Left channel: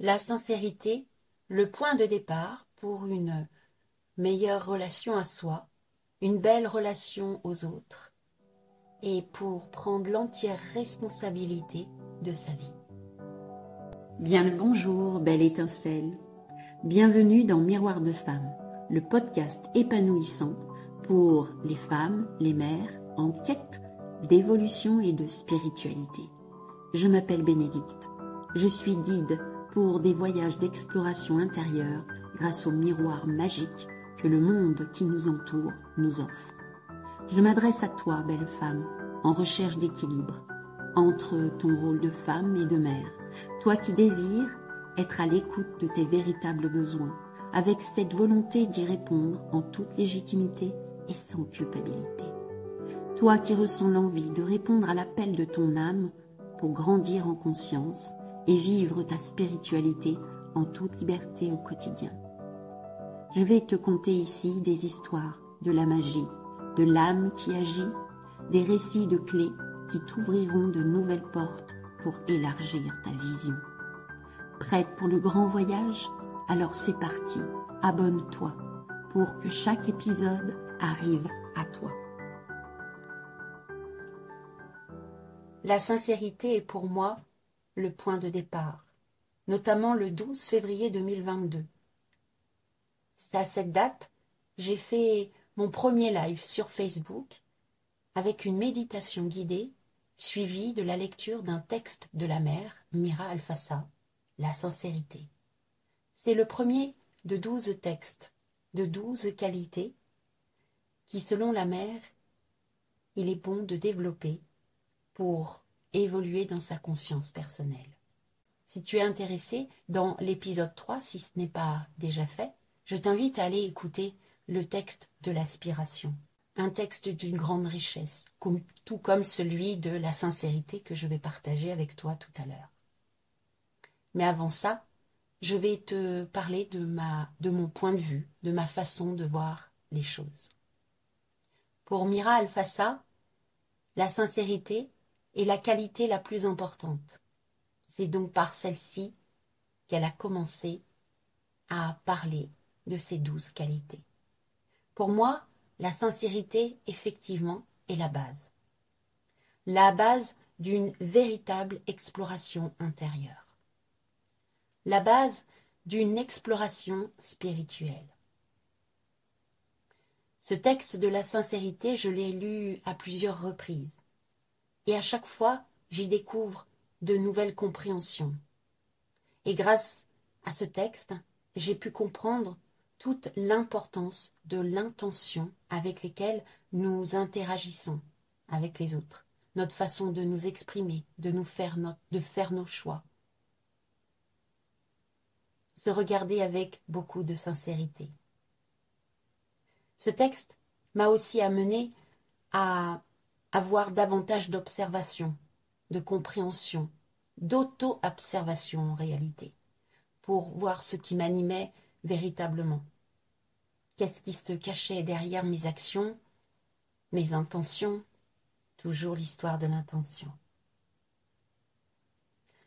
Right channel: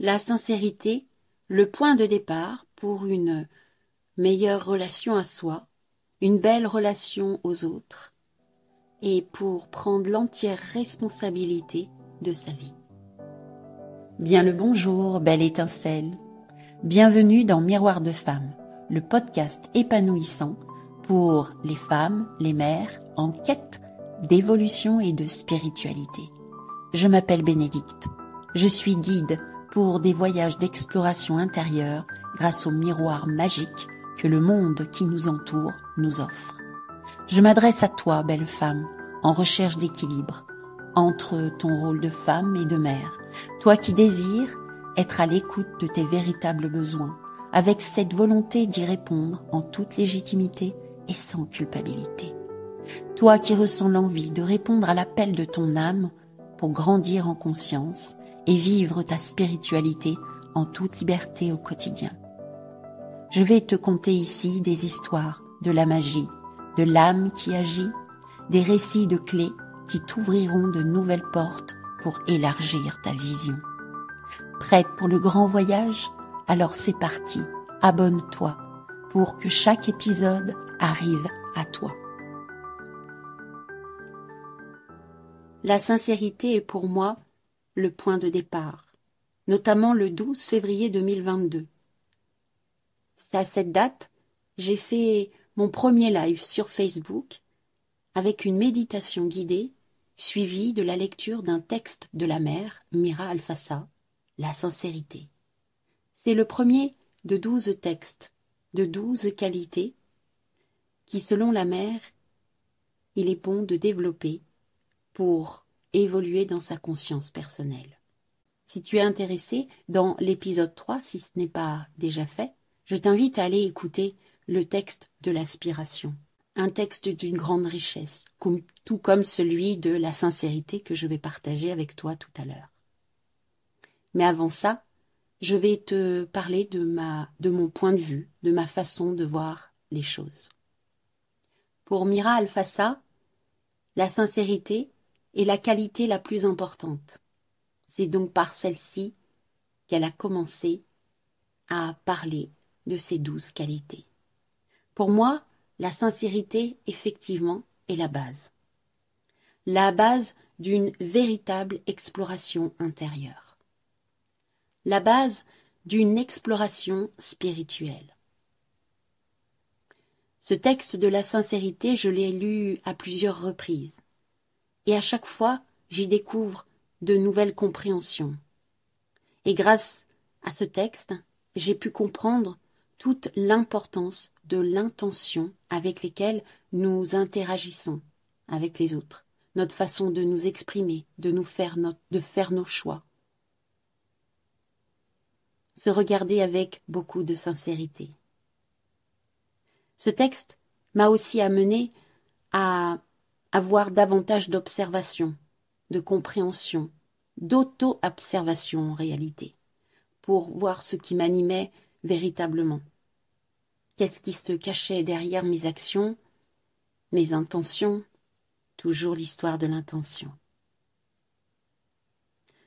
La sincérité, le point de départ pour une meilleure relation à soi, une belle relation aux autres et pour prendre l'entière responsabilité de sa vie. Bien le bonjour, belle étincelle. Bienvenue dans Miroir de Femmes, le podcast épanouissant pour les femmes, les mères en quête d'évolution et de spiritualité. Je m'appelle Bénédicte. Je suis guide pour des voyages d'exploration intérieure grâce au miroir magique que le monde qui nous entoure nous offre. Je m'adresse à toi, belle femme, en recherche d'équilibre entre ton rôle de femme et de mère, toi qui désires être à l'écoute de tes véritables besoins, avec cette volonté d'y répondre en toute légitimité et sans culpabilité. Toi qui ressens l'envie de répondre à l'appel de ton âme pour grandir en conscience et vivre ta spiritualité en toute liberté au quotidien. Je vais te conter ici des histoires de la magie, de l'âme qui agit, des récits de clés qui t'ouvriront de nouvelles portes pour élargir ta vision. Prête pour le grand voyage? Alors c'est parti, abonne-toi pour que chaque épisode arrive à toi. La sincérité est pour moi le point de départ, notamment le 12 février 2022. C'est à cette date, j'ai fait mon premier live sur Facebook avec une méditation guidée suivie de la lecture d'un texte de la mère Mira Alfassa, La sincérité. C'est le premier de 12 textes, de 12 qualités qui, selon la mère, il est bon de développer pour évoluer dans sa conscience personnelle. Si tu es intéressé, dans l'épisode 3, si ce n'est pas déjà fait, je t'invite à aller écouter le texte de l'aspiration. Un texte d'une grande richesse, tout comme celui de la sincérité que je vais partager avec toi tout à l'heure. Mais avant ça, je vais te parler de mon point de vue, de ma façon de voir les choses. Pour Mira Alfassa, la sincérité est la qualité la plus importante. C'est donc par celle-ci qu'elle a commencé à parler de ces 12 qualités. Pour moi, la sincérité, effectivement, est la base. La base d'une véritable exploration intérieure. La base d'une exploration spirituelle. Ce texte de la sincérité, je l'ai lu à plusieurs reprises. Et à chaque fois, j'y découvre de nouvelles compréhensions. Et grâce à ce texte, j'ai pu comprendre toute l'importance de l'intention avec lesquelles nous interagissons avec les autres, notre façon de nous exprimer, de faire nos choix. Se regarder avec beaucoup de sincérité. Ce texte m'a aussi amené à avoir davantage d'observation, de compréhension, d'auto-observation en réalité, pour voir ce qui m'animait véritablement. Qu'est-ce qui se cachait derrière mes actions, mes intentions, toujours l'histoire de l'intention.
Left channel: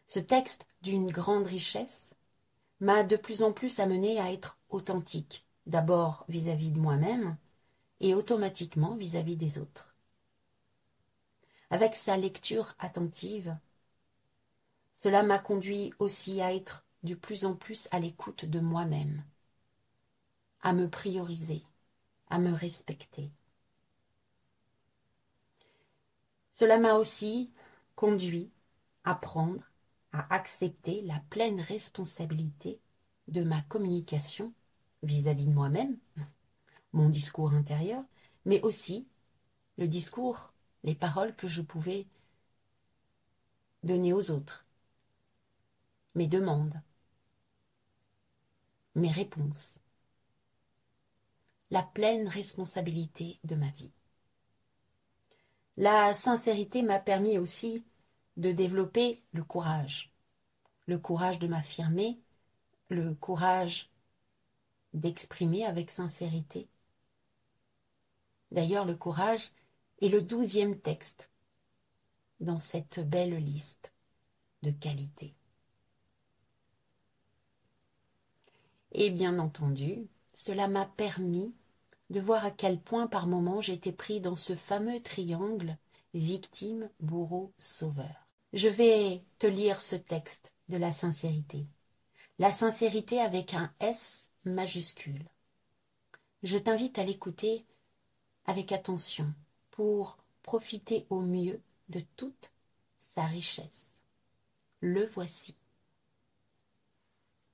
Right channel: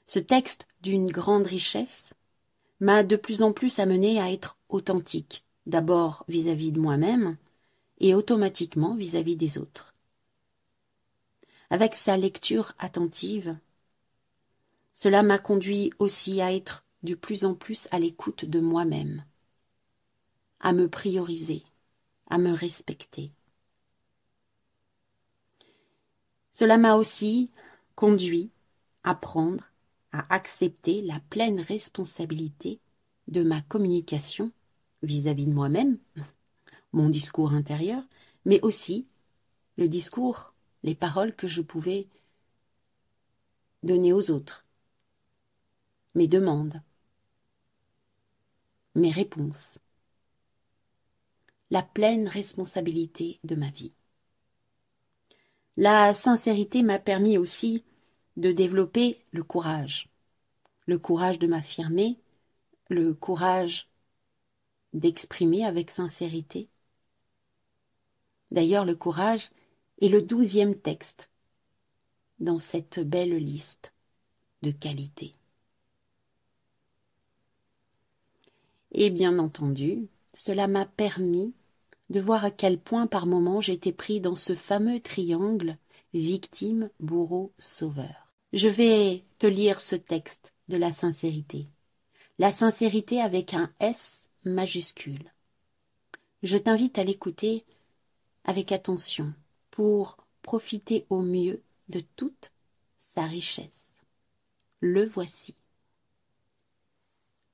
Ce texte d'une grande richesse m'a de plus en plus amené à être authentique, d'abord vis-à-vis de moi-même et automatiquement vis-à-vis des autres. Avec sa lecture attentive, cela m'a conduit aussi à être de plus en plus à l'écoute de moi-même, à me prioriser, à me respecter. Cela m'a aussi conduit à prendre, à accepter la pleine responsabilité de ma communication vis-à-vis de moi-même, mon discours intérieur, mais aussi le discours, les paroles que je pouvais donner aux autres, mes demandes, mes réponses, la pleine responsabilité de ma vie. La sincérité m'a permis aussi de développer le courage de m'affirmer, le courage d'exprimer avec sincérité. D'ailleurs, le courage est le 12e texte dans cette belle liste de qualités. Et bien entendu, cela m'a permis de voir à quel point par moments j'étais pris dans ce fameux triangle victime, bourreau, sauveur. Je vais te lire ce texte de la sincérité. La sincérité avec un S majuscule. Je t'invite à l'écouter avec attention pour profiter au mieux de toute sa richesse. Le voici.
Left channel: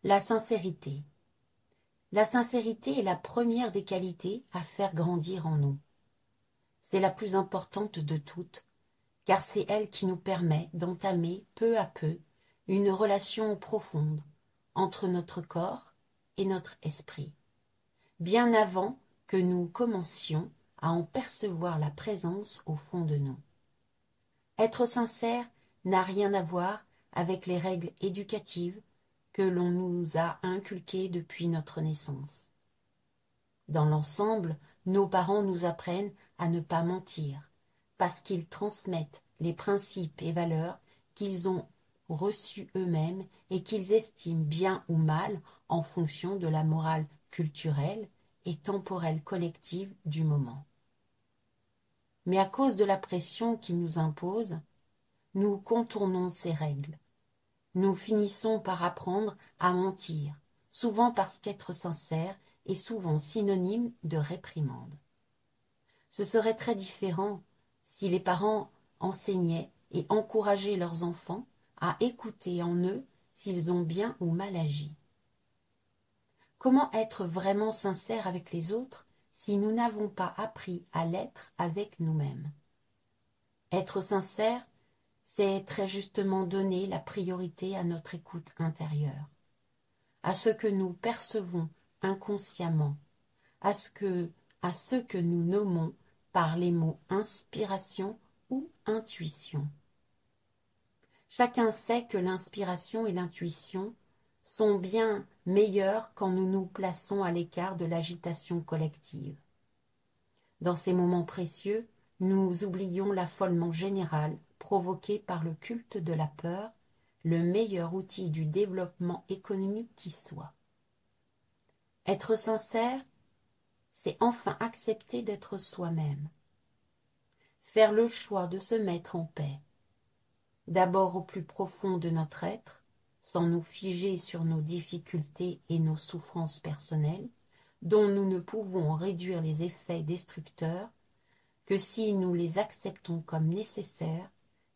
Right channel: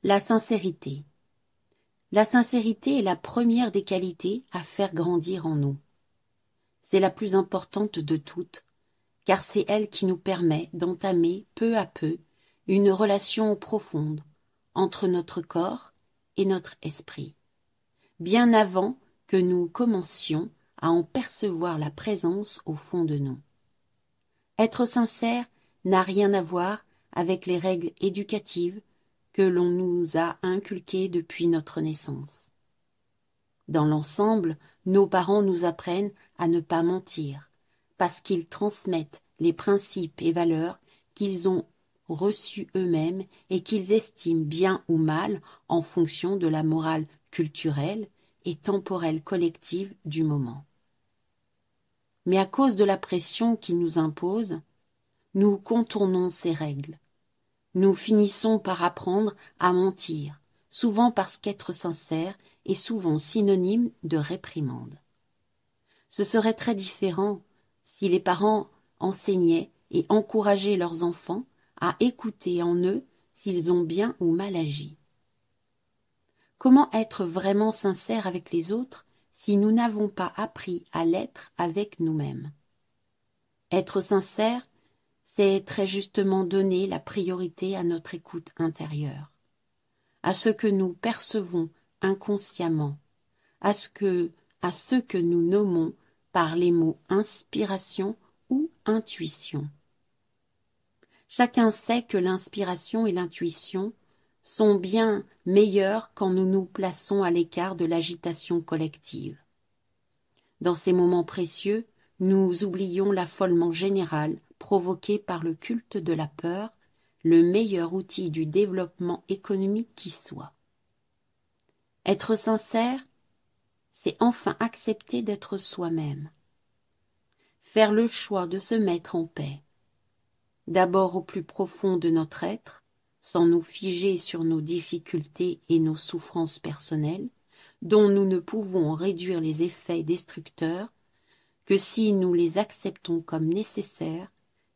La sincérité. La sincérité est la première des qualités à faire grandir en nous. C'est la plus importante de toutes, car c'est elle qui nous permet d'entamer peu à peu une relation profonde entre notre corps et notre esprit, bien avant que nous commencions à en percevoir la présence au fond de nous. Être sincère n'a rien à voir avec les règles éducatives que l'on nous a inculquées depuis notre naissance. Dans l'ensemble, nos parents nous apprennent à ne pas mentir, parce qu'ils transmettent les principes et valeurs qu'ils ont reçus eux-mêmes et qu'ils estiment bien ou mal en fonction de la morale culturelle et temporelle collective du moment. Mais à cause de la pression qu'ils nous imposent, nous contournons ces règles. Nous finissons par apprendre à mentir, souvent parce qu'être sincère est souvent synonyme de réprimande. Ce serait très différent si les parents enseignaient et encourageaient leurs enfants à écouter en eux s'ils ont bien ou mal agi. Comment être vraiment sincère avec les autres si nous n'avons pas appris à l'être avec nous-mêmes? Être sincère, c'est très justement donner la priorité à notre écoute intérieure, à ce que nous percevons inconsciemment, à ce que nous nommons par les mots inspiration ou intuition. Chacun sait que l'inspiration et l'intuition sont bien meilleures quand nous nous plaçons à l'écart de l'agitation collective. Dans ces moments précieux, nous oublions l'affolement général provoqué par le culte de la peur, le meilleur outil du développement économique qui soit. Être sincère, c'est enfin accepter d'être soi-même. Faire le choix de se mettre en paix. D'abord au plus profond de notre être, sans nous figer sur nos difficultés et nos souffrances personnelles, dont nous ne pouvons réduire les effets destructeurs que si nous les acceptons comme nécessaires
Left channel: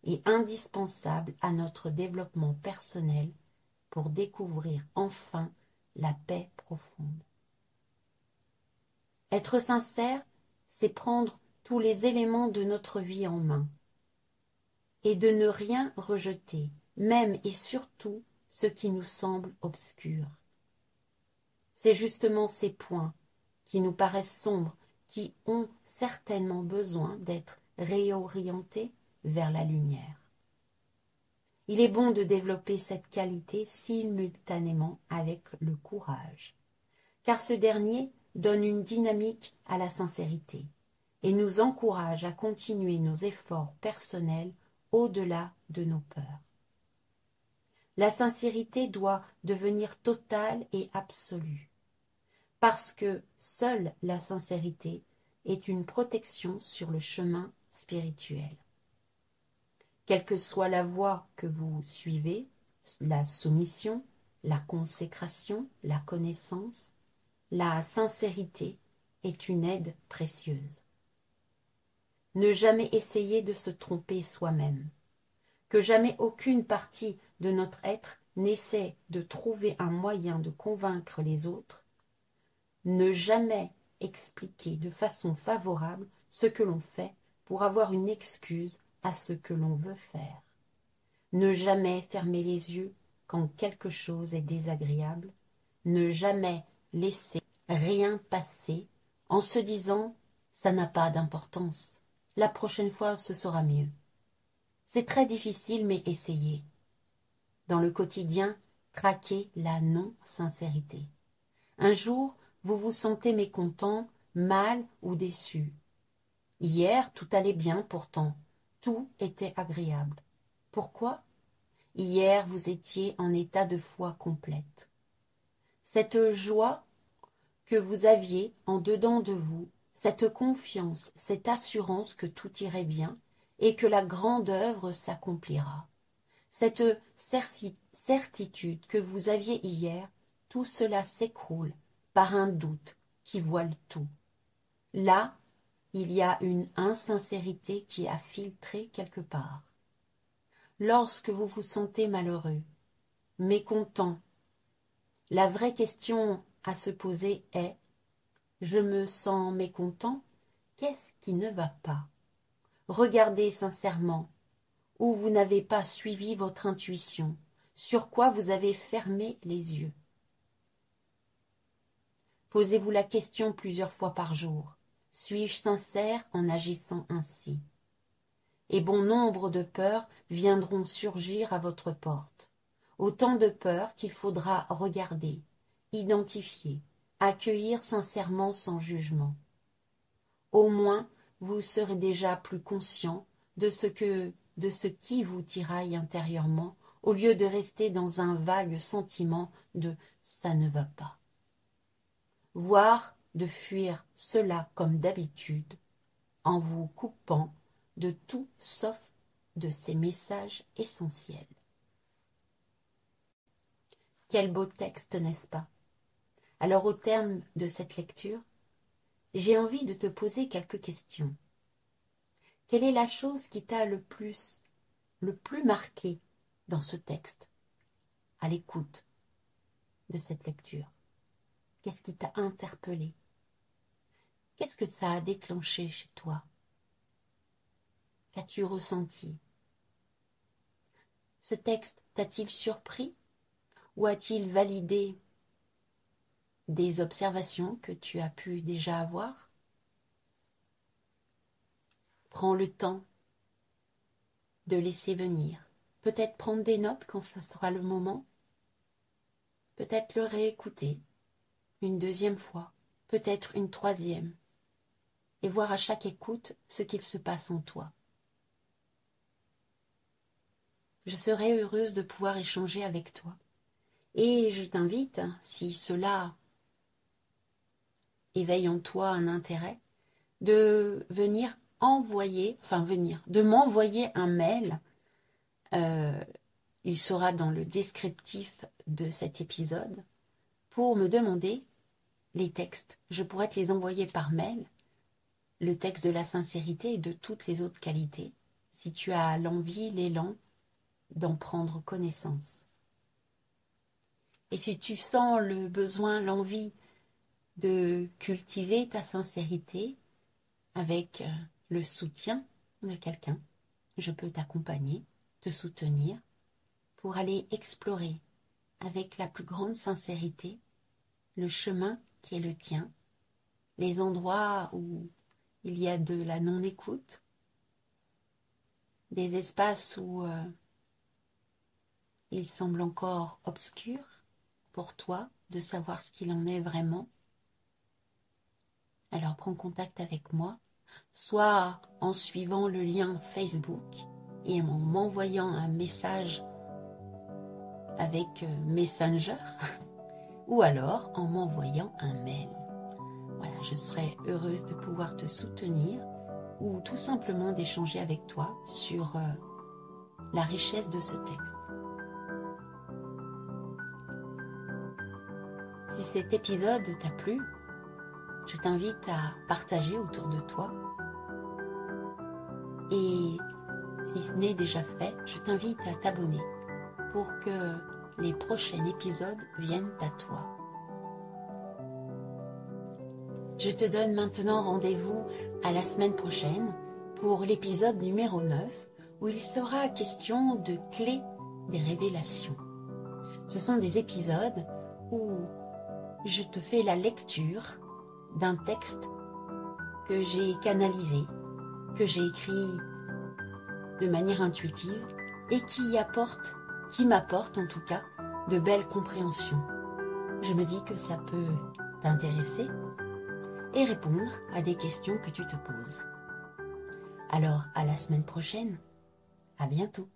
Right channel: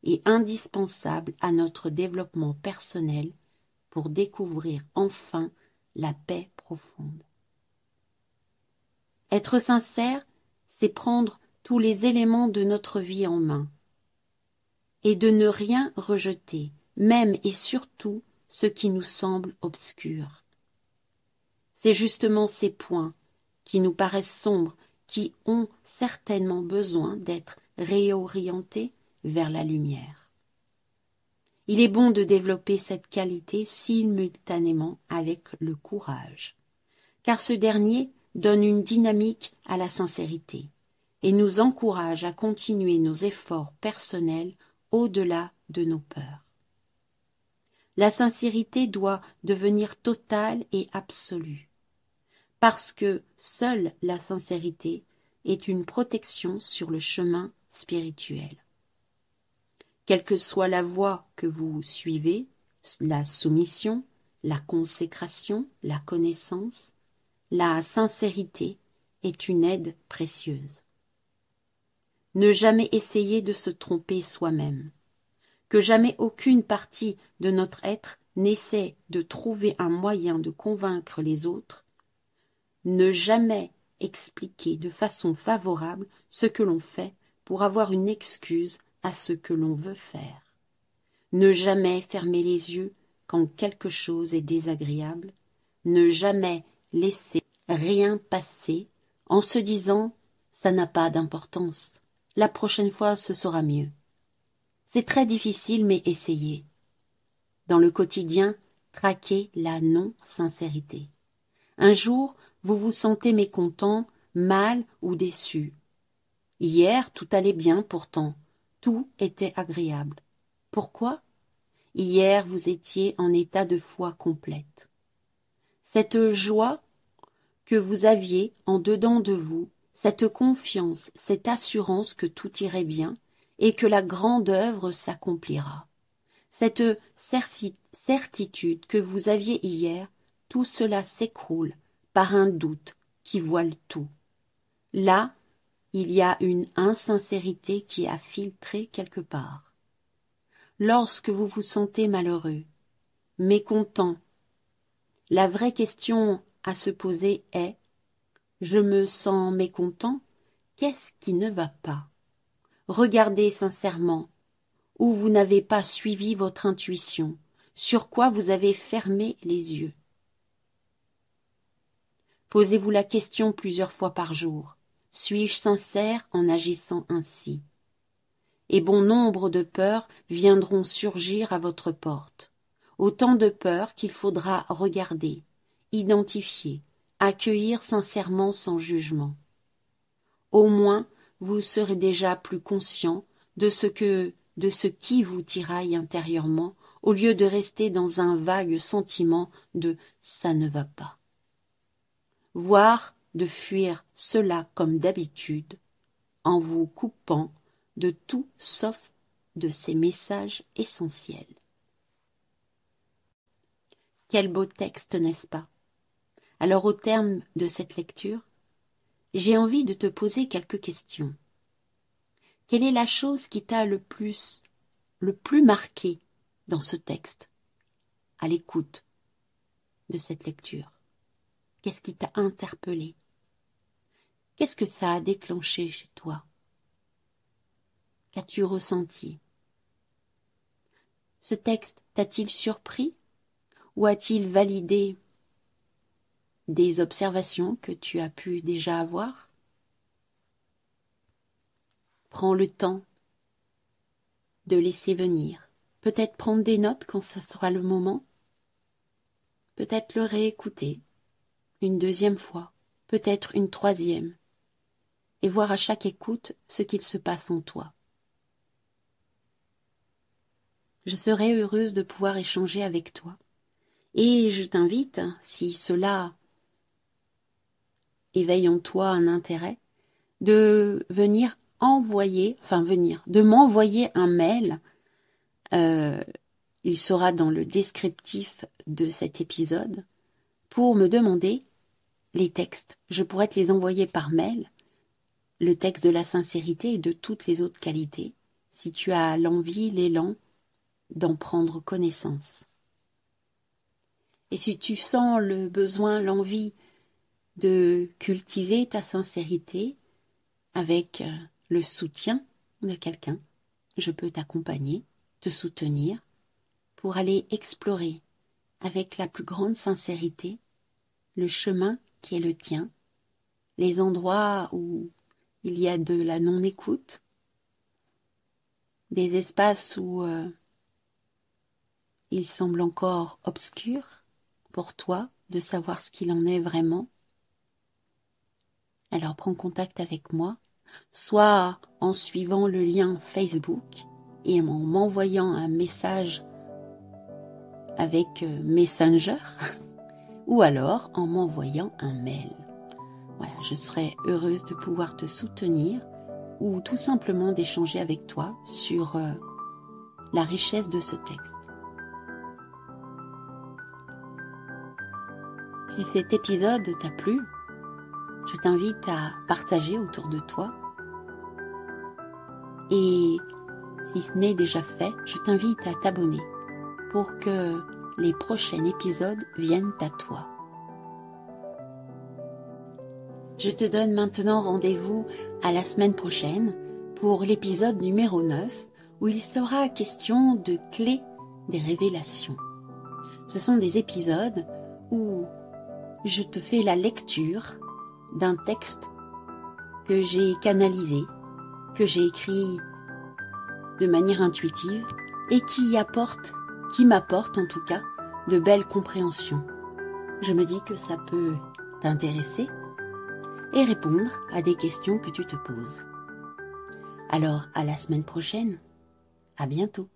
et indispensables à notre développement personnel pour découvrir enfin la paix profonde. Être sincère, c'est prendre tous les éléments de notre vie en main et de ne rien rejeter, même et surtout ce qui nous semble obscur. C'est justement ces points qui nous paraissent sombres qui ont certainement besoin d'être réorientés vers la lumière. Il est bon de développer cette qualité simultanément avec le courage, car ce dernier donne une dynamique à la sincérité et nous encourage à continuer nos efforts personnels au-delà de nos peurs. La sincérité doit devenir totale et absolue, parce que seule la sincérité est une protection sur le chemin spirituel. Quelle que soit la voie que vous suivez, la soumission, la consécration, la connaissance, la sincérité est une aide précieuse. Ne jamais essayer de se tromper soi-même, que jamais aucune partie de notre être n'essaie de trouver un moyen de convaincre les autres, ne jamais expliquer de façon favorable ce que l'on fait pour avoir une excuse à ce que l'on veut faire, ne jamais fermer les yeux quand quelque chose est désagréable, ne jamais laisser rien passer en se disant « ça n'a pas d'importance, la prochaine fois ce sera mieux ». C'est très difficile, mais essayez. Dans le quotidien, traquez la non-sincérité. Un jour, vous vous sentez mécontent, mal ou déçu. Hier, tout allait bien pourtant, tout était agréable. Pourquoi? Hier, vous étiez en état de foi complète. cette joie que vous aviez en dedans de vous, cette confiance, cette assurance que tout irait bien et que la grande œuvre s'accomplira. Cette certitude que vous aviez hier, tout cela s'écroule par un doute qui voile tout. Là, il y a une insincérité qui a filtré quelque part. Lorsque vous vous sentez malheureux, mécontent, la vraie question à se poser est « Je me sens mécontent, qu'est-ce qui ne va pas ?» Regardez sincèrement où vous n'avez pas suivi votre intuition, sur quoi vous avez fermé les yeux. Posez-vous la question plusieurs fois par jour. Suis-je sincère en agissant ainsi? Et bon nombre de peurs viendront surgir à votre porte. Autant de peurs qu'il faudra regarder, identifier, accueillir sincèrement sans jugement. Au moins, vous serez déjà plus conscient de ce qui vous tiraille intérieurement, au lieu de rester dans un vague sentiment de « ça ne va pas ». Voire de fuir cela comme d'habitude, en vous coupant de tout sauf de ces messages essentiels. Quel beau texte, n'est-ce pas? Alors au terme de cette lecture, j'ai envie de te poser quelques questions. Quelle est la chose qui t'a le plus marqué dans ce texte, à l'écoute de cette lecture? Qu'est-ce qui t'a interpellé? Qu'est-ce que ça a déclenché chez toi? Qu'as-tu ressenti? Ce texte t'a-t-il surpris ou a-t-il validé des observations que tu as pu déjà avoir? Prends le temps de laisser venir. Peut-être prendre des notes quand ça sera le moment. Peut-être le réécouter une deuxième fois, peut-être une troisième, et voir à chaque écoute ce qu'il se passe en toi. Je serai heureuse de pouvoir échanger avec toi. Et je t'invite, si cela éveille en toi un intérêt, de de m'envoyer un mail. Il sera dans le descriptif de cet épisode pour me demander les textes. Je pourrais te les envoyer par mail, le texte de la sincérité et de toutes les autres qualités, si tu as l'envie, l'élan d'en prendre connaissance. Et si tu sens le besoin, l'envie de cultiver ta sincérité avec le soutien de quelqu'un, je peux t'accompagner, te soutenir pour aller explorer avec la plus grande sincérité le chemin qui est le tien, les endroits où il y a de la non-écoute, des espaces où il semble encore obscur pour toi de savoir ce qu'il en est vraiment. Alors prends contact avec moi, soit en suivant le lien Facebook et en m'envoyant un message avec Messenger, ou alors en m'envoyant un mail. Voilà, je serai heureuse de pouvoir te soutenir ou tout simplement d'échanger avec toi sur la richesse de ce texte. Si cet épisode t'a plu, je t'invite à partager autour de toi. Et si ce n'est déjà fait, je t'invite à t'abonner pour que les prochains épisodes viennent à toi. Je te donne maintenant rendez-vous à la semaine prochaine pour l'épisode numéro 9 où il sera question de clés des révélations. Ce sont des épisodes où je te fais la lecture d'un texte que j'ai canalisé, que j'ai écrit de manière intuitive et qui m'apporte en tout cas de belles compréhensions. Je me dis que ça peut t'intéresser et répondre à des questions que tu te poses. Alors, à la semaine prochaine. À bientôt.